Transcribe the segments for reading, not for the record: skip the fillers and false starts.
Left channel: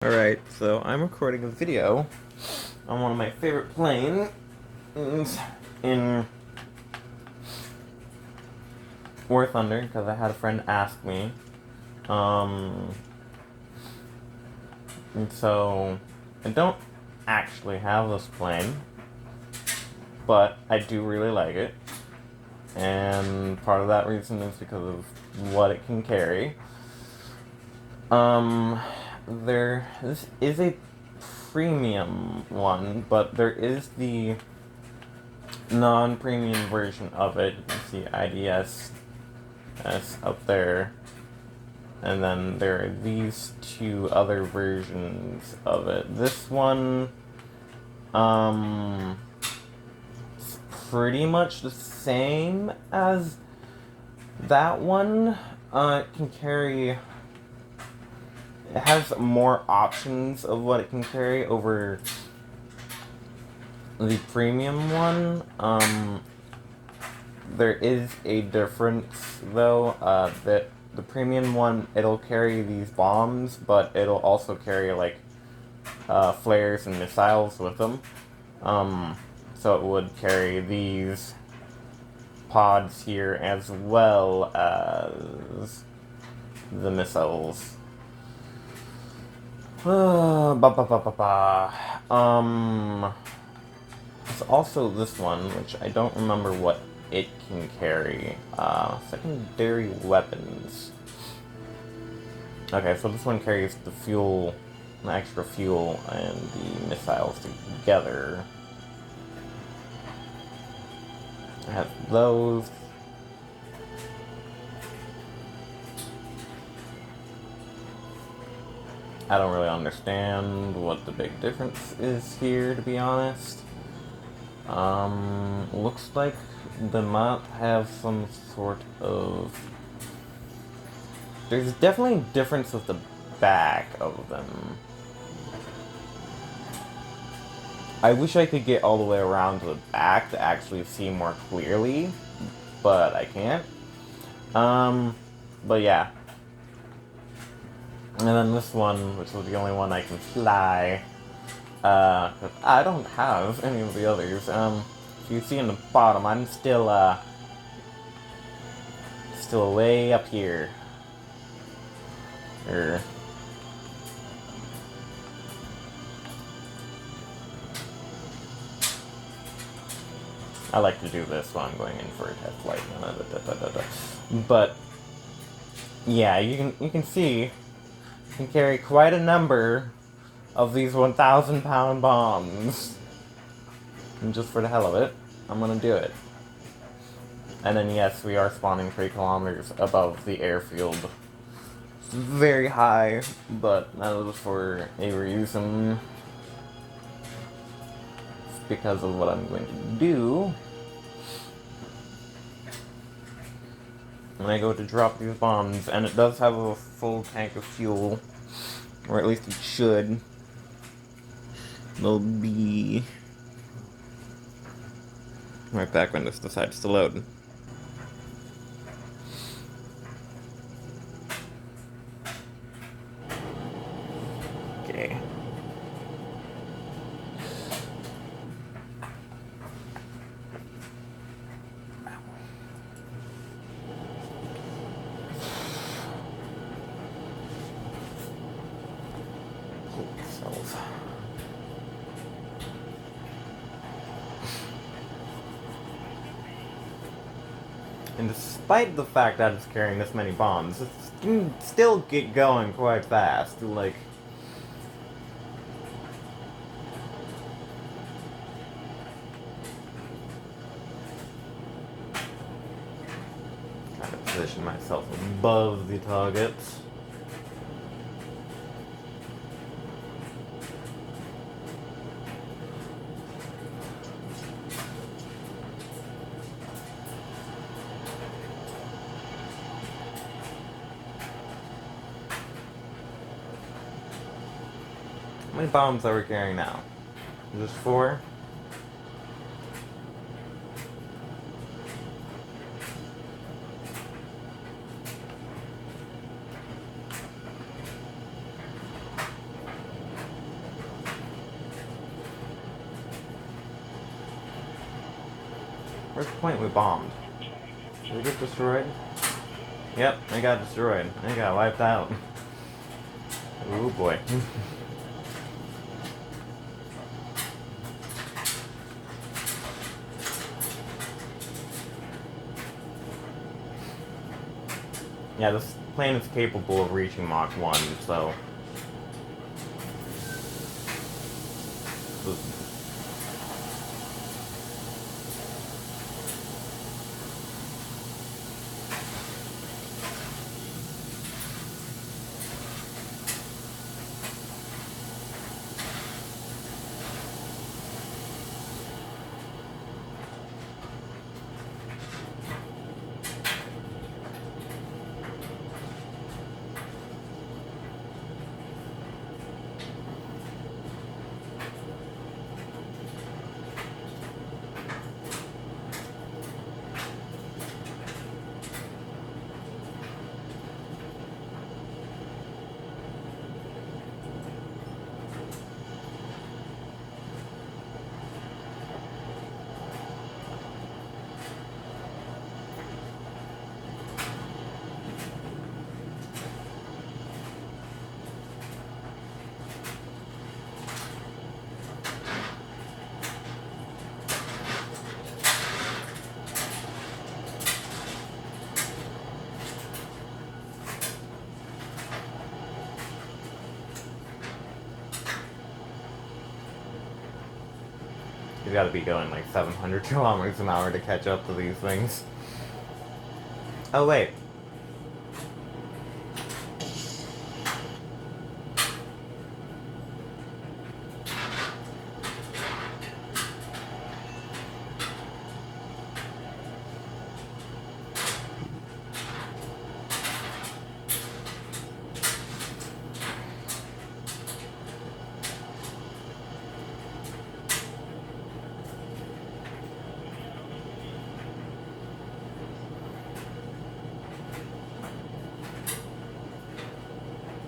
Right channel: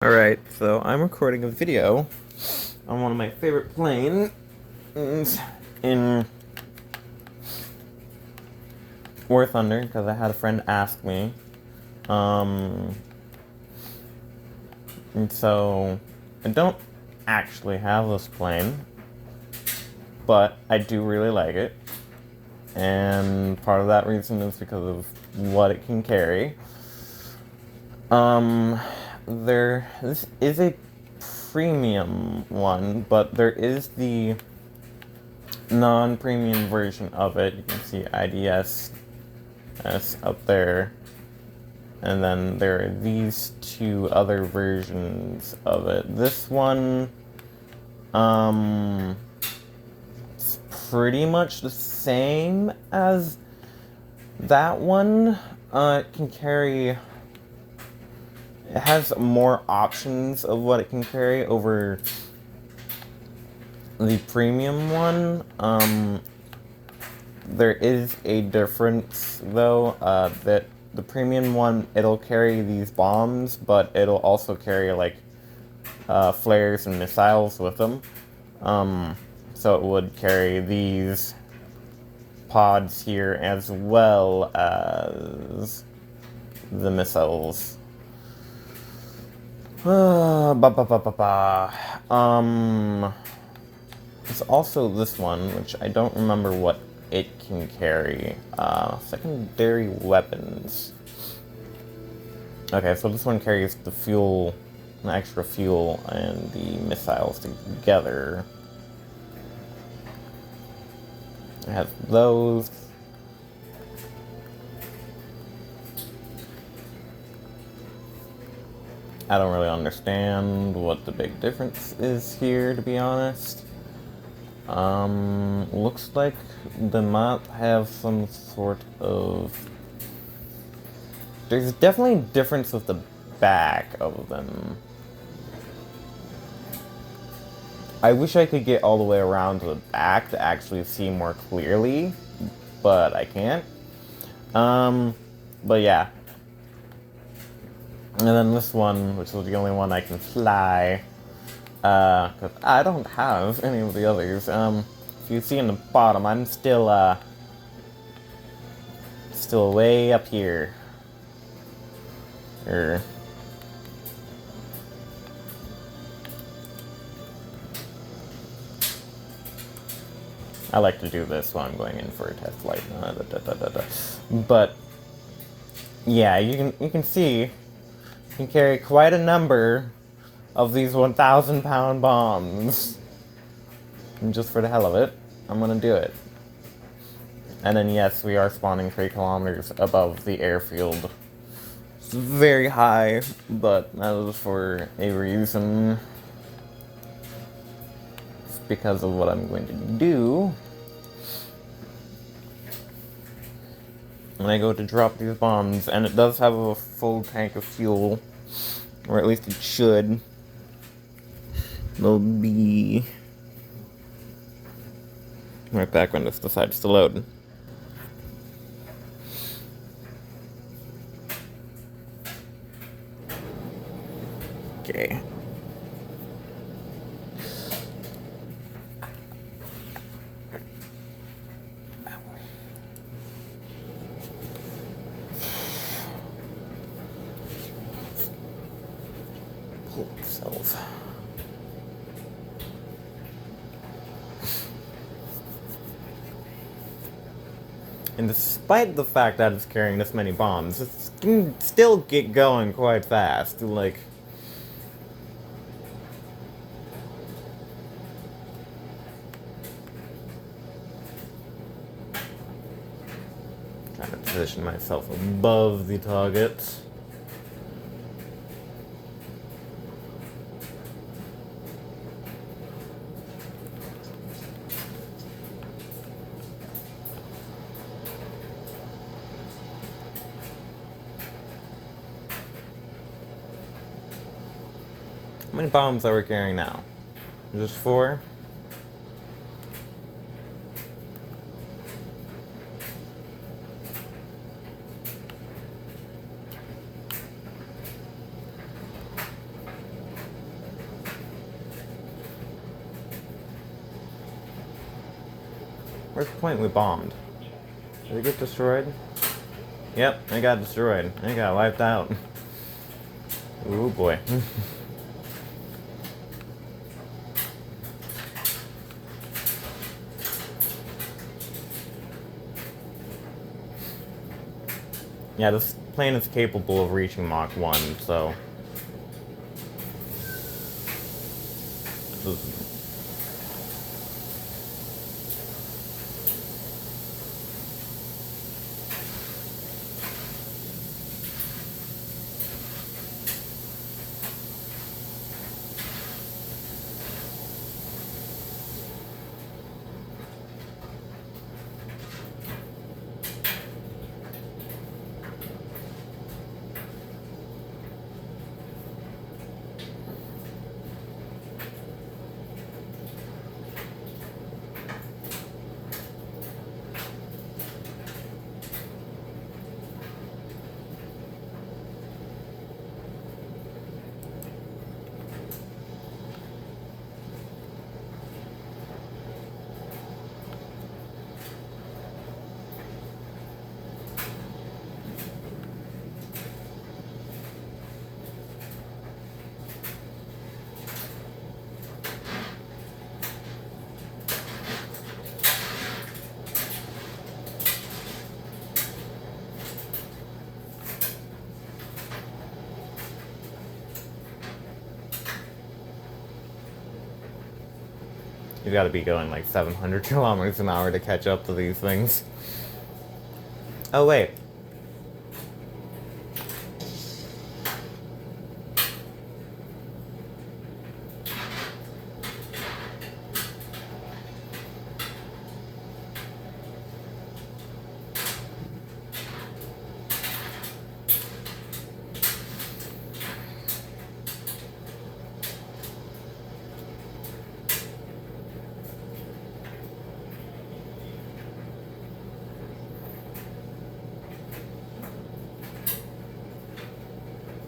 Alright, so I'm recording a video on one of my favorite planes in WarThunder because I had a friend ask me. And so I don't actually have this plane, but I do really like it. And part of that reason is because of what it can carry. This is a premium one, but there is the non-premium version of it. You can see IDS up there, and then there are these two other versions of it. This one, it's pretty much the same as that one. It can carry. It has more options of what it can carry over the premium one. There is a difference, though, that the premium one, it'll carry these bombs, but it'll also carry, like, flares and missiles with them. So it would carry these pods here as well as the missiles. It's also this one, which I don't remember what it can carry. Secondary weapons. Okay, so this one carries the fuel, the extra fuel, and the missiles together. I have those. I don't really understand what the big difference is here, to be honest. Looks like the map have some sort of... There's definitely a difference with the back of them. I wish I could get all the way around to the back to actually see more clearly, but I can't. But yeah. And then this one, which was the only one I can fly, but I don't have any of the others. If you see in the bottom, I'm still way up here. I like to do this while I'm going in for a test flight. But yeah, you can see. Can carry quite a number of these 1,000-pound bombs. And just for the hell of it, I'm gonna do it. And then yes, we are spawning 3 kilometers above the airfield. It's very high, but that was for a reason. It's because of what I'm going to do when I go to drop these bombs, and it does have a full tank of fuel, or at least it should. They'll be right back when this decides to load. Okay. And despite the fact that it's carrying this many bombs, it can still get going quite fast. Like, trying to position myself above the target. How many bombs are we carrying now? Just 4? Where's the plane we bombed? Did it get destroyed? Yep, it got destroyed. It got wiped out. Oh boy. Yeah, this plane is capable of reaching Mach 1, so... You gotta be going like 700 kilometers an hour to catch up to these things. Oh, wait.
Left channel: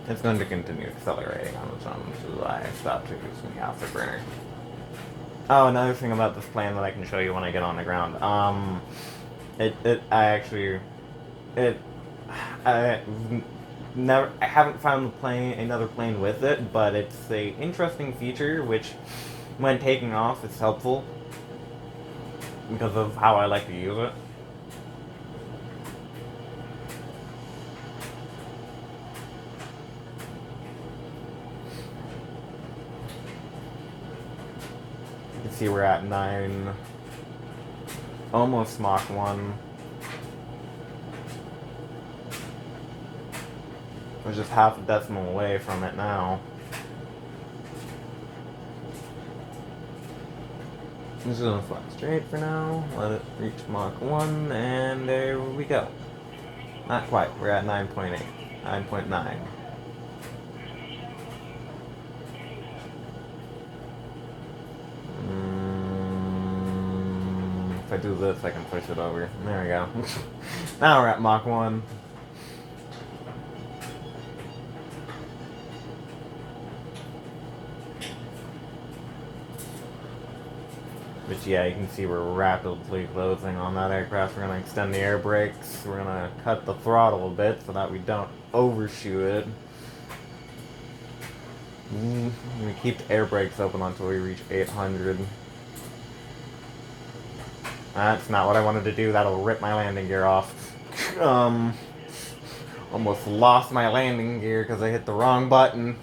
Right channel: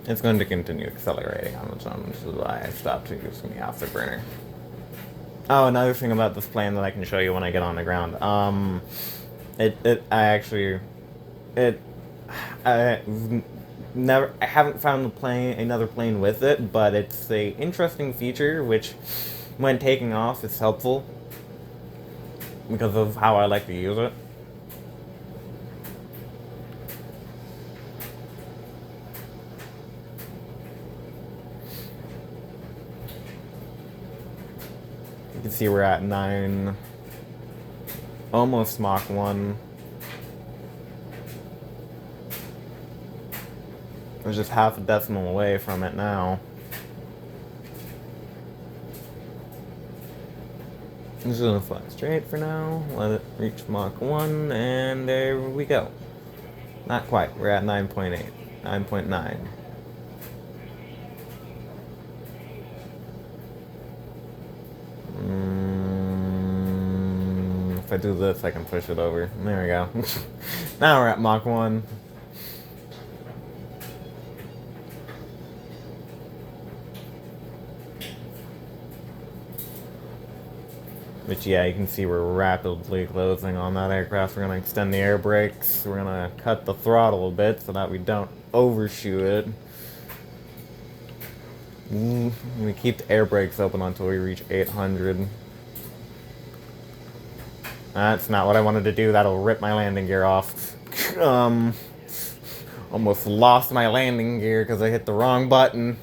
It's going to continue accelerating on its own, which is why I stopped using the afterburner. Oh, another thing about this plane that I can show you when I get on the ground. I haven't found another plane with it, but it's a interesting feature which, when taking off, is helpful because of how I like to use it. You can see we're at 9, almost Mach 1. We're just half a decimal away from it now. I'm just gonna fly straight for now, let it reach Mach 1, and there we go. Not quite, we're at 9.8, 9.9. If I do this, I can push it over. There we go. Now we're at Mach 1. But yeah, you can see we're rapidly closing on that aircraft. We're going to extend the air brakes. We're going to cut the throttle a bit so that we don't overshoot it. We keep the air brakes open until we reach 800. That's not what I wanted to do. That'll rip my landing gear off. Almost lost my landing gear because I hit the wrong button.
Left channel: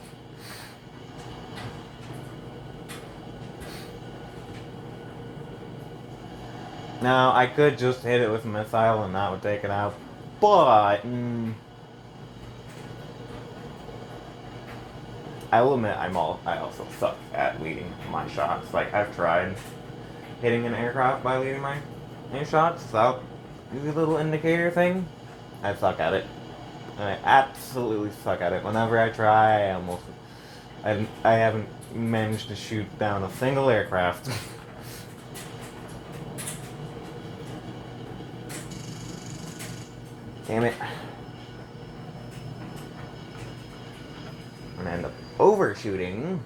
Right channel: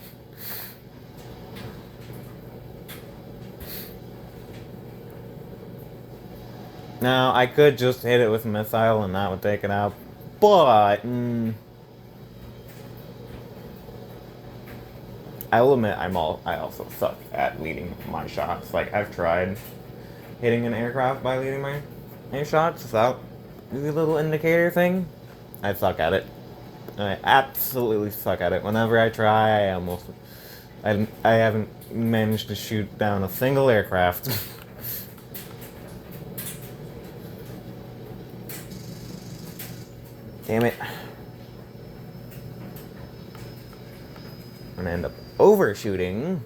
Now, I could just hit it with a missile and that would take it out, but I will admit I also suck at leading my shots. Like, I've tried hitting an aircraft by leading my shots without the little indicator thing. I suck at it. And I absolutely suck at it. Whenever I try, I haven't managed to shoot down a single aircraft. Damn it. I'm gonna end up overshooting.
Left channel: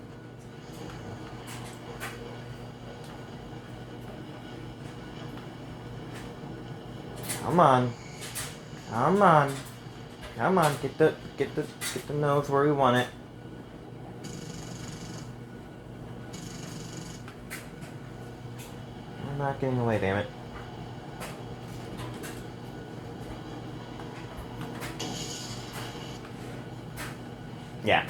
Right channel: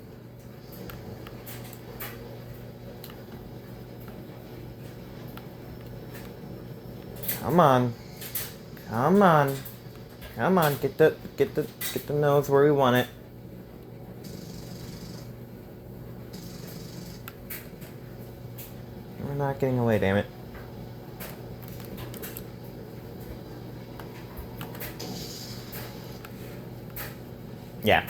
Come on. Come on. Come on, get the nose where we want it. You're not getting away, damn it. Yeah.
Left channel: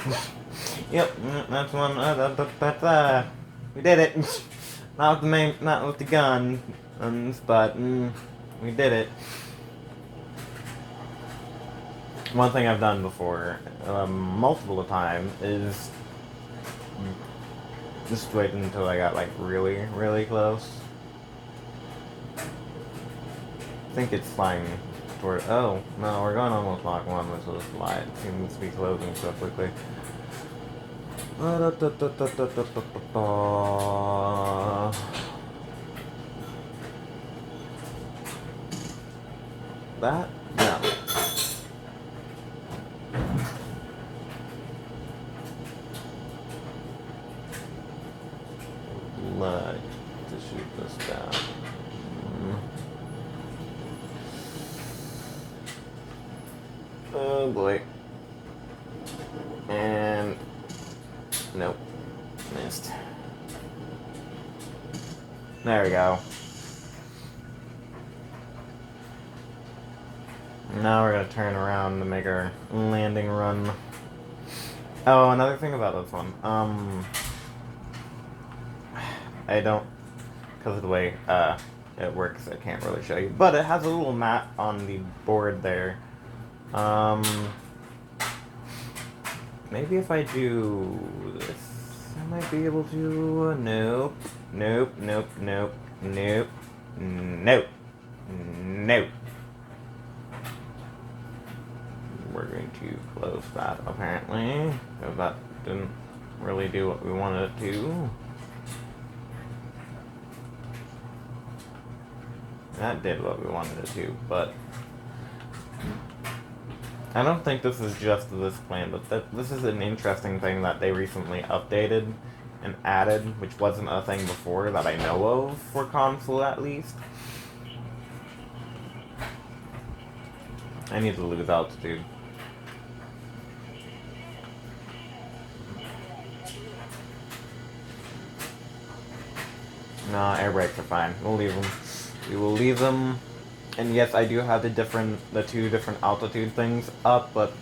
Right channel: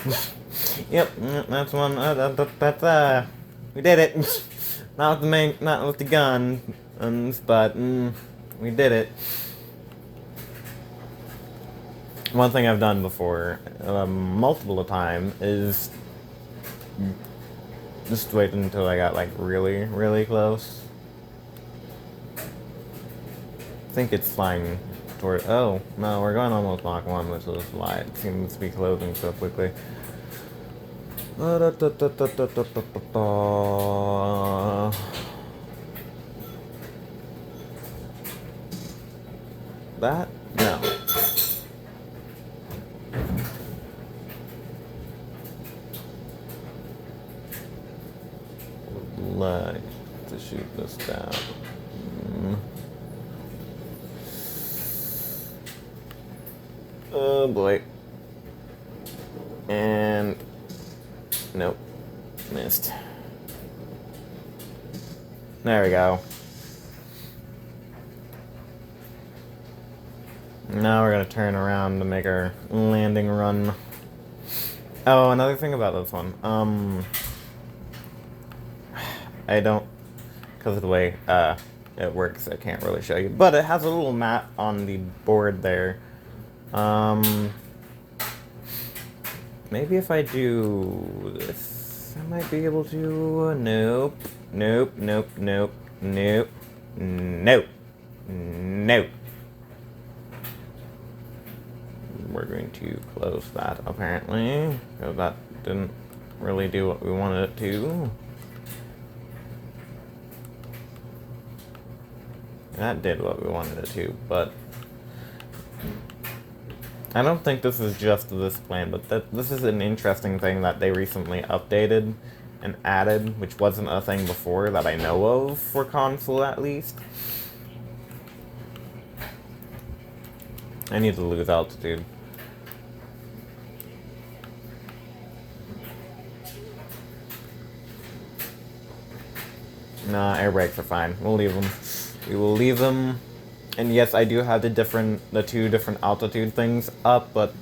Yep, that's one. That's we did it. Not with the main, not with the gun, but we did it. One thing I've done before, multiple times, is just wait until I got like really, really close. I think it's flying toward. Oh no, we're going almost Mach 1, which is why it seems to be closing so quickly. That? No. Like to shoot this down. Oh boy. And nope. Missed. There we go. Now we're gonna turn around to make our landing run. Oh, another thing about this one. I don't, because of the way it works, I can't really show you. But it has a little map on the board there. Maybe if I do this, I might be able to. Nope. Nope. Nope. Nope. Nope. Nope. Nope. We're going to close that apparently, because that didn't really do what we wanted it to. That did what we wanted it to, but I don't think this is just this plane, but this is an interesting thing that they recently updated and added, which wasn't a thing before that I know of, for console at least. I need to lose altitude. Nah, air brakes are fine. We'll leave them. We will leave them. And yes, I do have the two different altitude things up, but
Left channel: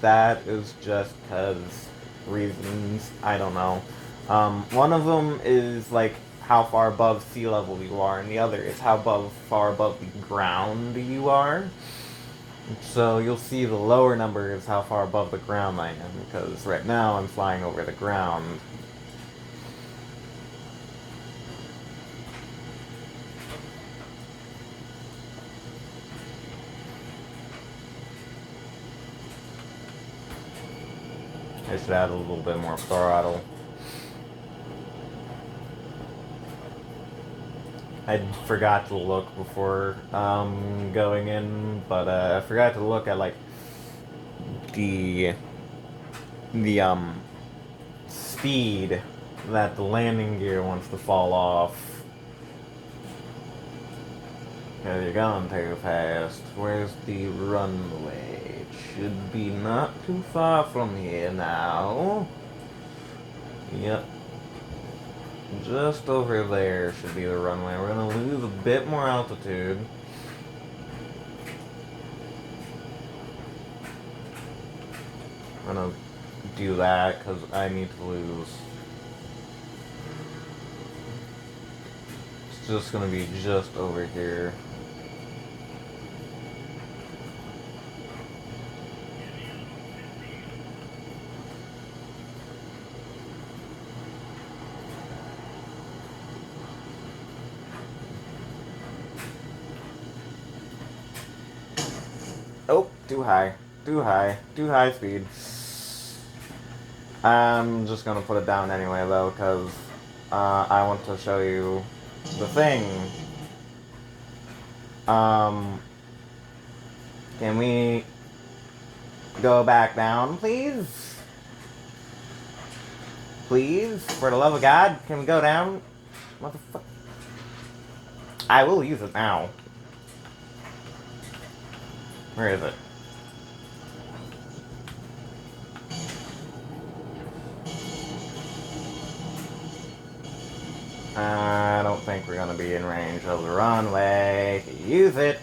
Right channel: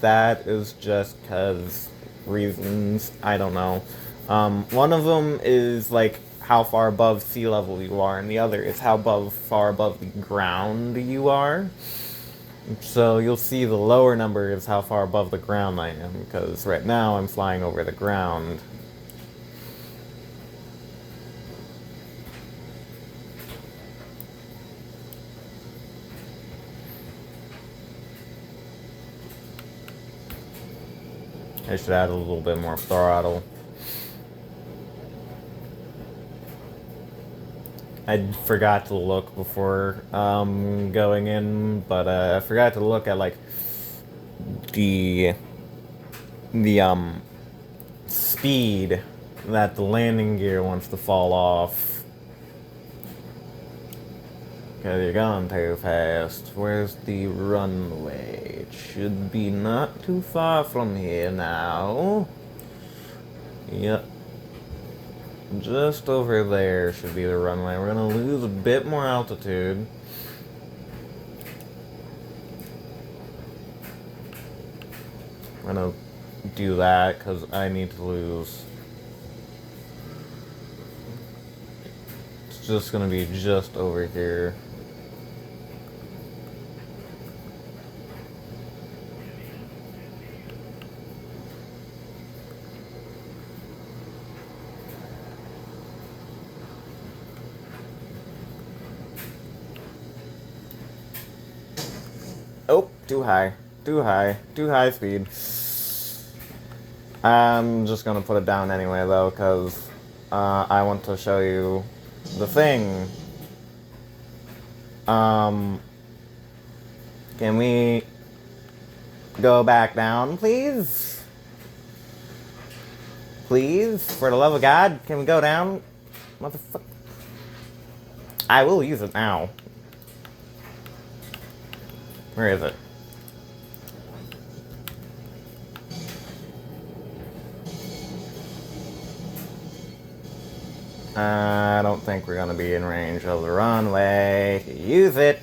that is just because reasons. I don't know. One of them is like how far above sea level you are, and the other is how far above the ground you are. So you'll see the lower number is how far above the ground I am, because right now I'm flying over the ground. I should add a little bit more throttle. I forgot to look before going in, but I forgot to look at like the speed that the landing gear wants to fall off. Because you're going too fast. Where's the runway? It should be not too far from here now. Yep. Just over there should be the runway. We're going to lose a bit more altitude. I'm going to do that because I need to lose. It's just going to be just over here. Oh, too high. Too high. Too high speed. I'm just gonna put it down anyway, though, because I want to show you the thing. Can we go back down, please? Please? For the love of God, can we go down? Motherfucker. I will use it now. Where is it? I don't think we're gonna be in range of the runway to use it.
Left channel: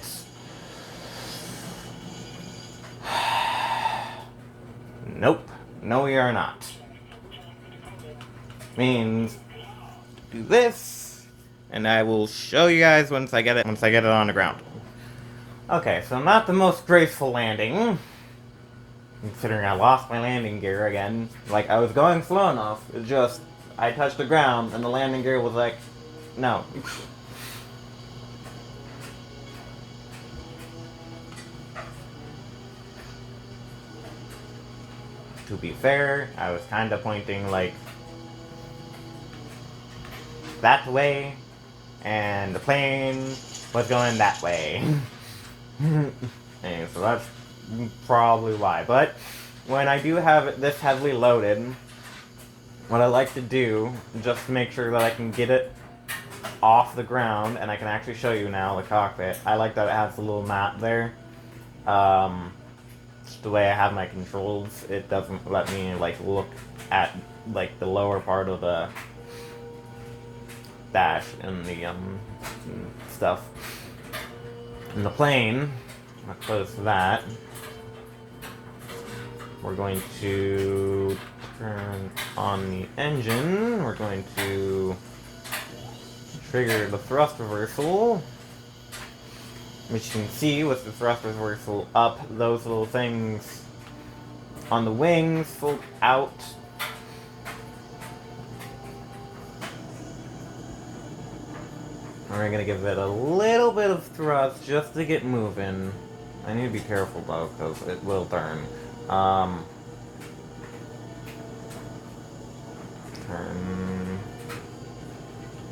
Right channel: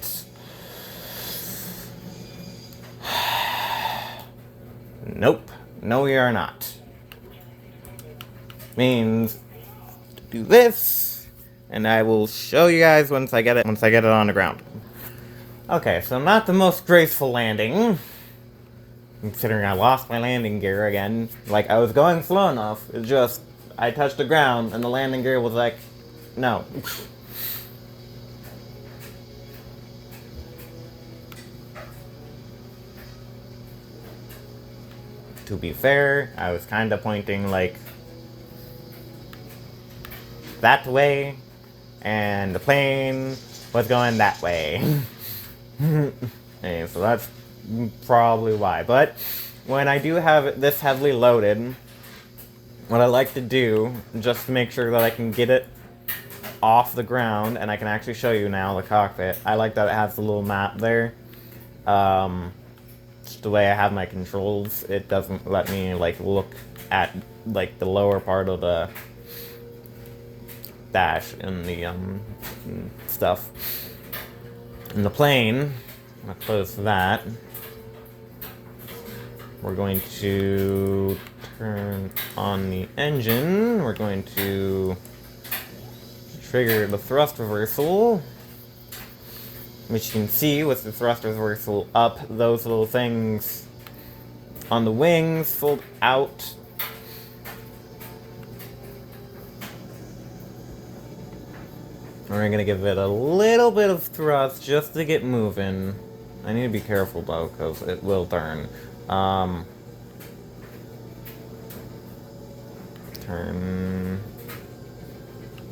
Nope. No, we are not. Means do this, and I will show you guys once I get it on the ground. Okay, so not the most graceful landing, considering I lost my landing gear again. Like, I was going slow enough, it's just I touched the ground and the landing gear was like, no. To be fair, I was kind of pointing like that way, and the plane was going that way. And so that's probably why. But when I do have this heavily loaded, what I like to do, just to make sure that I can get it off the ground, and I can actually show you now the cockpit, I like that it has the little map there. Just the way I have my controls, it doesn't let me like look at like the lower part of the dash and the stuff. In the plane, I'll close that. We're going to turn on the engine. We're going to trigger the thrust reversal. Which you can see with the thrust reversal up, those little things on the wings fold out. We're gonna give it a little bit of thrust just to get moving. I need to be careful though, because it will turn. Turn.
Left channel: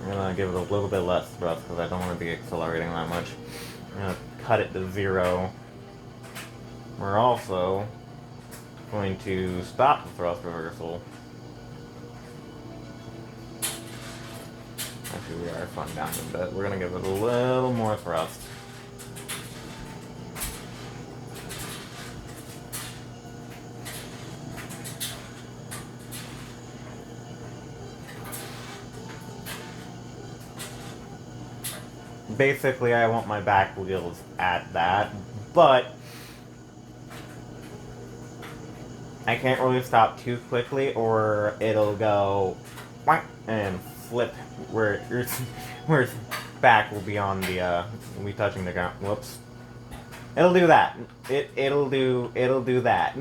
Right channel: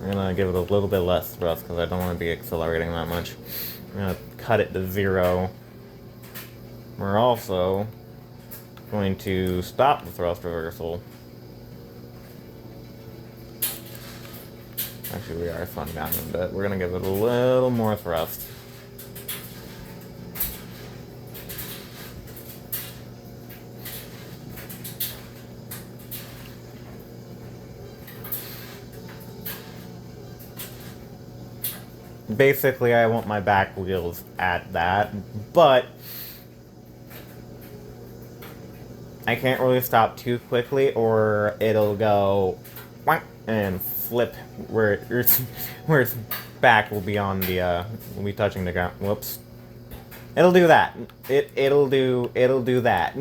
I'm gonna give it a little bit less thrust because I don't want to be accelerating that much. I'm gonna cut it to 0. We're also going to stop the thrust reversal. Actually, we are slowing down a bit. We're gonna give it a little more thrust. Basically, I want my back wheels at that, but I can't really stop too quickly or it'll go and flip where its back will be on the will be touching the ground. Whoops. It'll do that. It'll do that.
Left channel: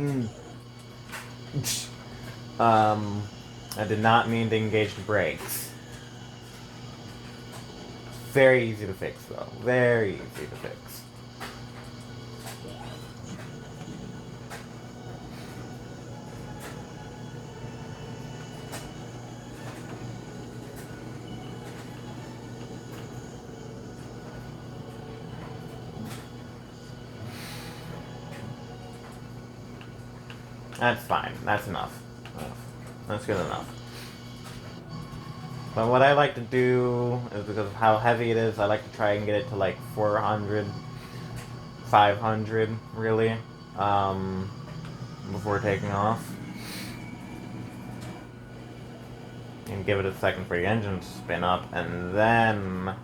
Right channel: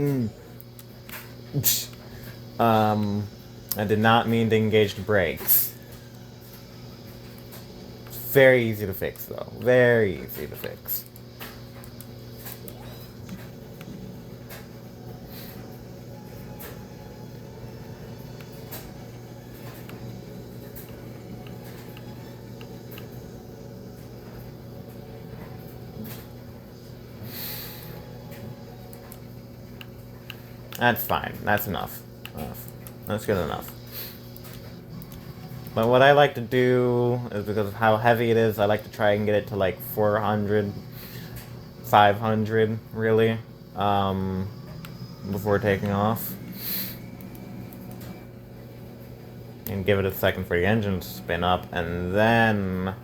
I did not mean to engage the brakes. Very easy to fix, though. Very easy to fix. That's fine. That's enough. That's good enough. But what I like to do is, because of how heavy it is, I like to try and get it to like 400, 500, really, before taking off. And give it a second for the engine to spin up, and then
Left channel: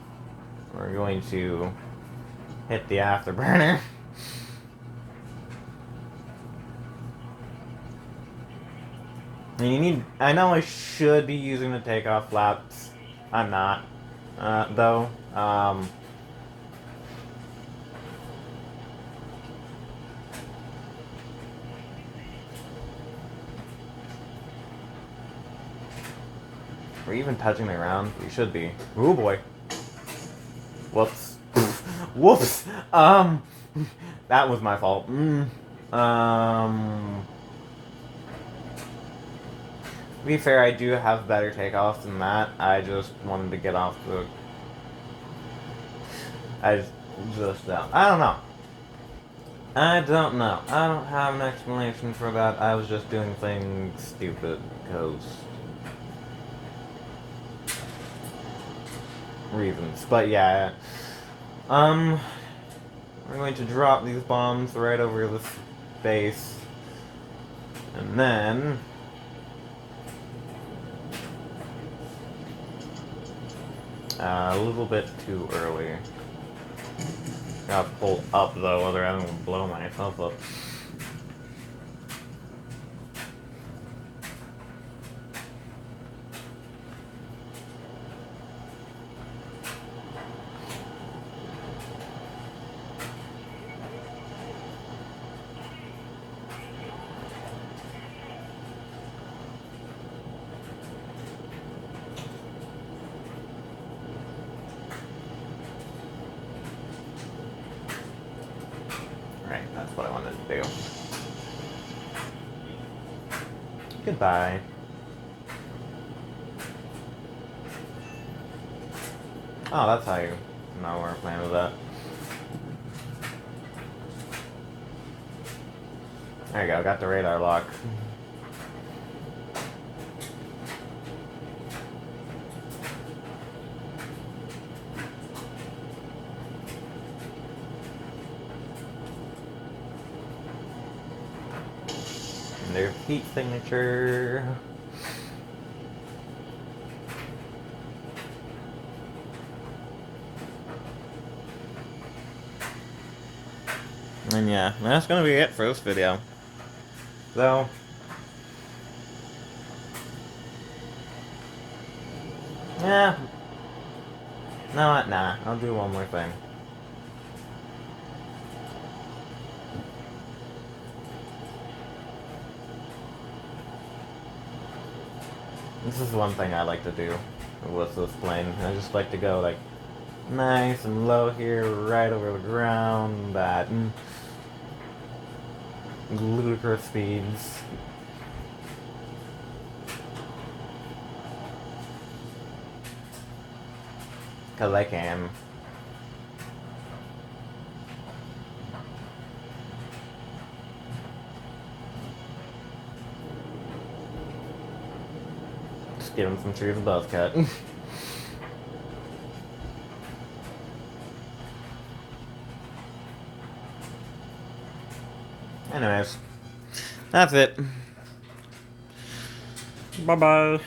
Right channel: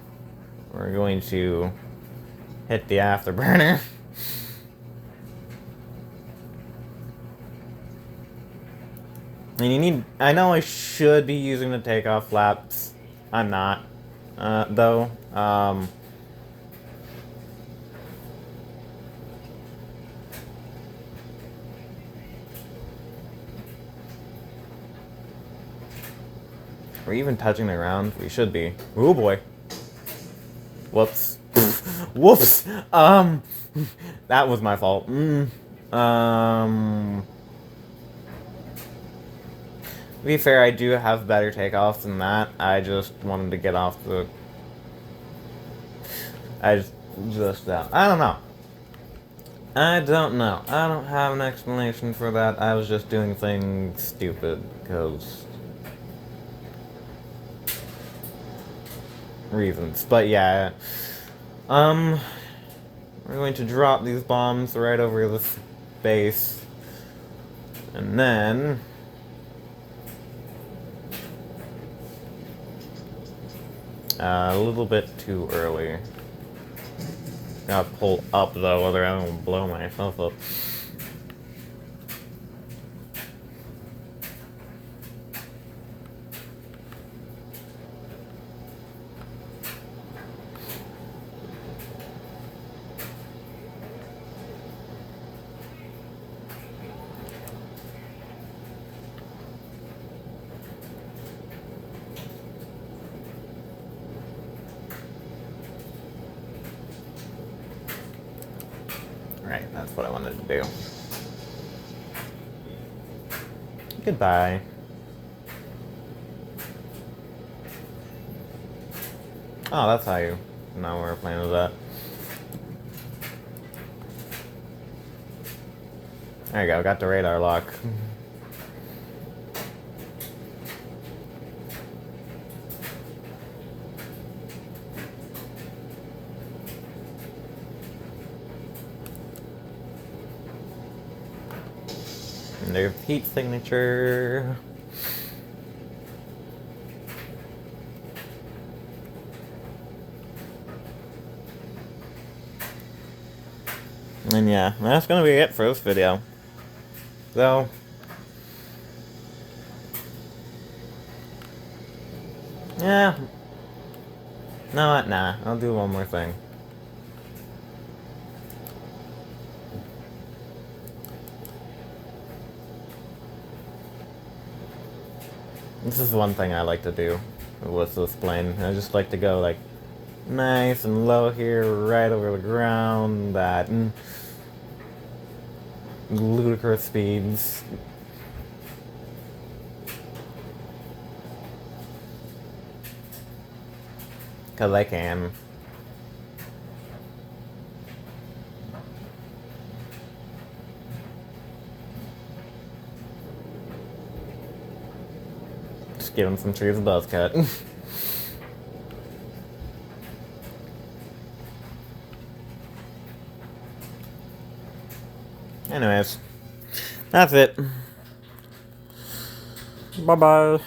we're going to hit the afterburner. And you need, I know I should be using the takeoff flaps. I'm not, though. Are we even touching the ground? We should be. Oh boy. Whoops. Whoops. That was my fault. To be fair, I do have better takeoffs than that. I just wanted to get off the... I don't know. I don't know. I don't have an explanation for that. I was just doing things stupid because... reasons. But yeah. we're going to drop these bombs right over this base. And then... a little bit too early. Gotta pull up though, or I'm gonna blow myself up. Right, that's what I wanted to do. Goodbye. Oh, that's how you know where we're playing with that. There you go, got the radar lock. And there's heat signature. And yeah, that's gonna be it for this video. So, yeah. Nah, I'll do one more thing. This is one thing I like to do with this plane. I just like to go like nice and low here, right over the ground, at ludicrous speeds. Cause I can. Just give him some trees and buzz cut. Anyways, that's it. Bye-bye.